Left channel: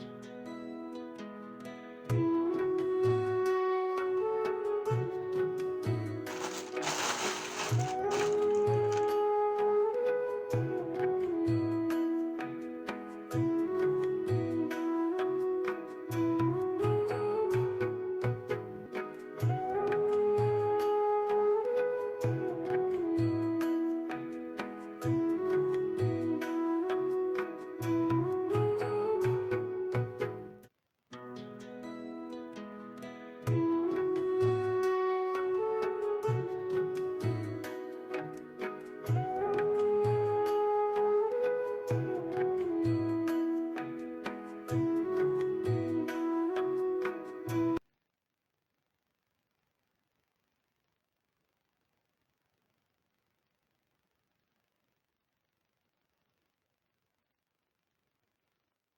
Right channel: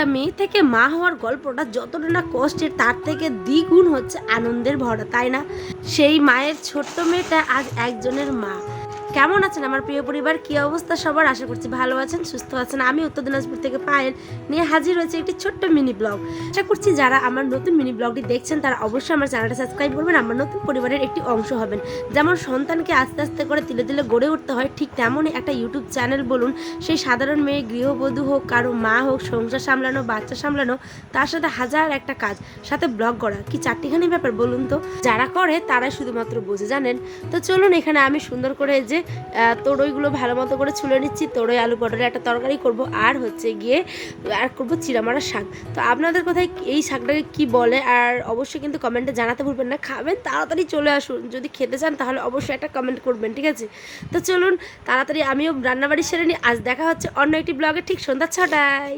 একটা মেয়ে থেকে মা হওয়ার গল্পটা যতটা না কষ্টের তার থেকে দ্বিগুণ হচ্ছে আনন্দের ভরা, তাই না? সেই মায়ের ছোট্ট মেয়েটা আজ একজনের মা। কেমন আছেন আমার প্রিয় পরিবার? কি অবস্থা সবার? আশা করছি ভালো আছেন, সুস্থ আছেন। আমি উত্তর দিনাজপুর থেকে পায়েল নিয়ে হাজির হয়েছে একটি ছোট্ট মিনি ব্লগ। আশা করছি যারা আমার নতুন মিনি ব্লগটি দেখছেন তারা অবশ্যই আমার চ্যানেলটা সাবস্ক্রাইব করবেন, আমার নতুন পরিবারের একটি অংশ হবেন। যেমন সন্তানকে আস্তে আস্তে করে তিলে তিলে গড়ে উঠতে হয়, ঠিক তেমনই একটা ইউটিউব চ্যানেল বলুন, সেই সাধারণ মেয়ে গৃহবধূ হোক, কারো মা হোক, সংসার সামলানো, বাচ্চা সামলানো, তার সাথে হাজার একটা কাজ, সাথে ব্লগ করা, কি চারটিখানি ব্যাপার বলুন তো? যারা করে তারাই শুধুমাত্র বোঝে, জানেন? তো চলুন, এখানে আমি সুন্দর করে যে তরইগুলো ভালো মতো করে ছুলে নিচ্ছি। তরই আলু পটলের একটা তরকারি করব, আর হচ্ছে গিয়ে আর করবো চিড়ামারা শাক। তো আপনাদের কোথায় এই শাকটাকে কি বলে, আর অবশ্যই কিন্তু কমেন্টে জানাতে ভুলবেন না। খাবেন তাড়াতাড়ি চলে আসুন, যদি খেতে চান তাহলে অবশ্যই একটা কমেন্ট করবেন, ঠিক আছে? তো চলুন তাড়াতাড়ি আমিও রান্নাবাড়ি সেরে নিই। আজ দেখা হচ্ছে অন্য একটি ব্লগে ঠিক সন্ধ্যা 6টায়।